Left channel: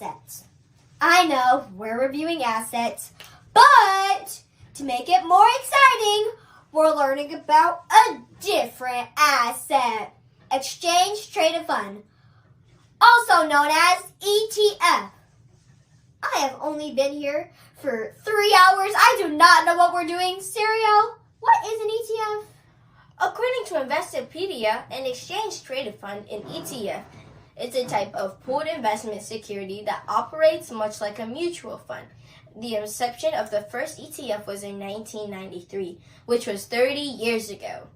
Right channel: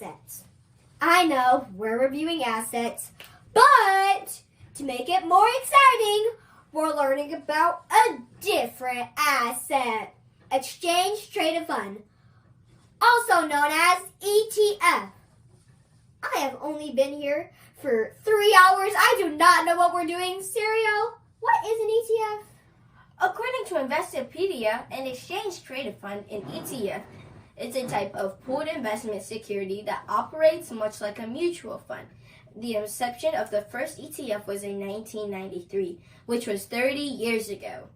assets. I know we're reviewing assets, but to make it more exciting, we're learning about a different asset, exchange traded fund, also known as ETF. I have only been here for 3 hours. I do not know what we're doing. Serial, what is an ETF? According to Investopedia, an exchange-traded fund, an ETF, is a type of pooled investment security that operates much like a mutual fund. The inception of the first ETF was in 1993, which was 30 years ago.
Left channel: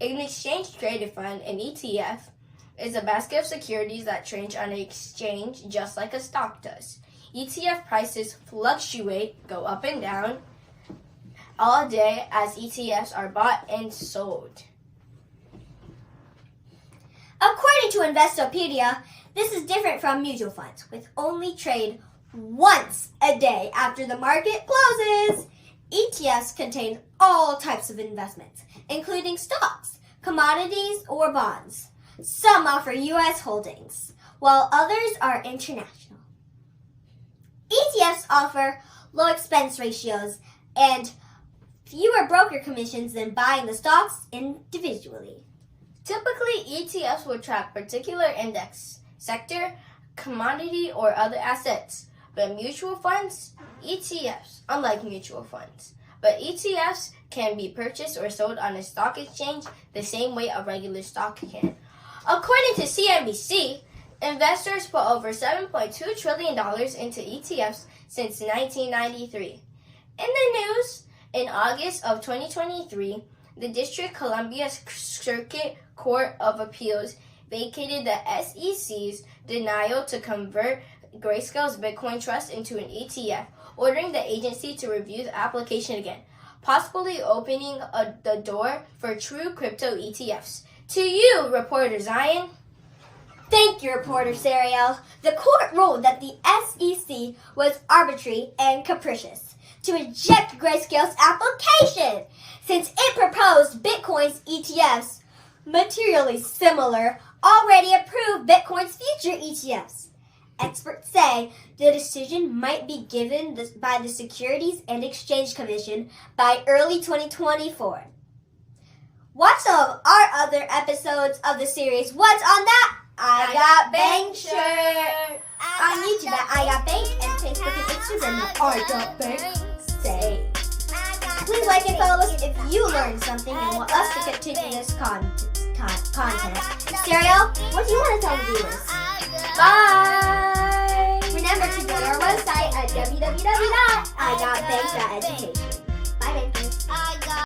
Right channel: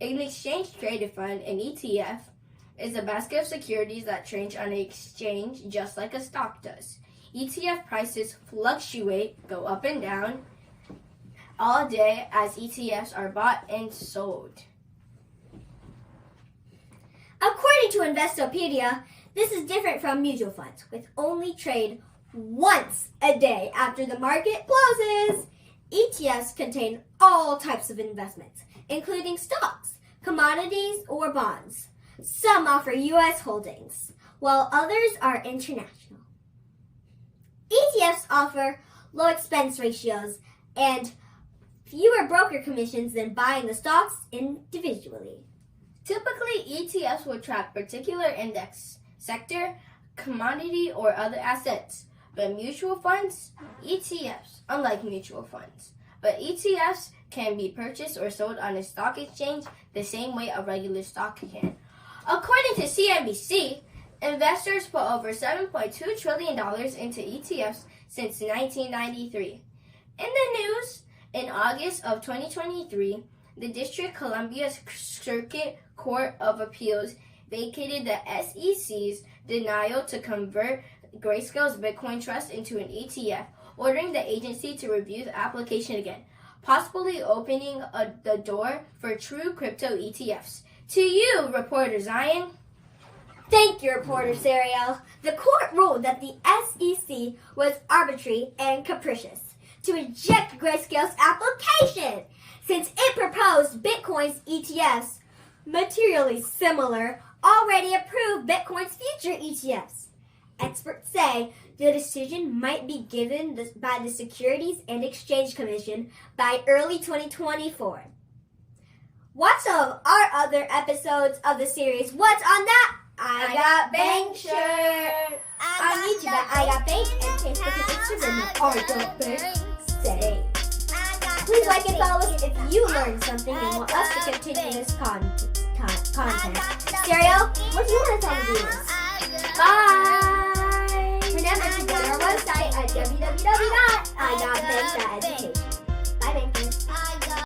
An exchange-traded fund, an ETF, is a basket of securities that trade on an exchange just like a stock does. ETF prices fluctuate, go up and down, all day as ETFs are bought and sold. According to Investopedia, this is different from mutual funds, which only trade once a day after the market closes. ETFs contain all types of investments, including stocks, commodities, or bonds. Some offer U.S. holdings, while others are international. ETFs offer low expense ratios and fewer broker commissions than buying the stocks individually. Typically, ETFs will track particular index, sector, commodity, or other assets. But mutual funds, unlike mutual funds, but ETFs can be purchased or sold on a stock exchange the same way a regular stock can. According to CNBC, investors put over $7.2 trillion into ETFs since 1993. In the news, in August of 2023, the District Columbia Circuit Court of Appeals vacated the SEC's denial to convert Grayscale's Bitcoin Trust into an ETF, ordering the agency to review the application again, possibly opening the door for true crypto ETFs. To you, reporter Zion. Thank you, reporter Serial. The court ruled that the SEC was arbitrary and capricious to reject Grayscale's application, since it proposed Bitcoin's ETFs, materially similar, already approved Bitcoin's future ETFs. Experts say the decision might be given by the Securities and Exchange Commission by early 2024. Watch some of our other episodes of the series What's on That? I Got Bank shirt. On YouTube at I Got Bank and Facebook and Instagram at I Got Bank. Say. Please like and follow us if you learned something and want us to continue this content. Serial, what do you want to tell the viewers? Bye! Remember to visit our website at www.igotbank.education.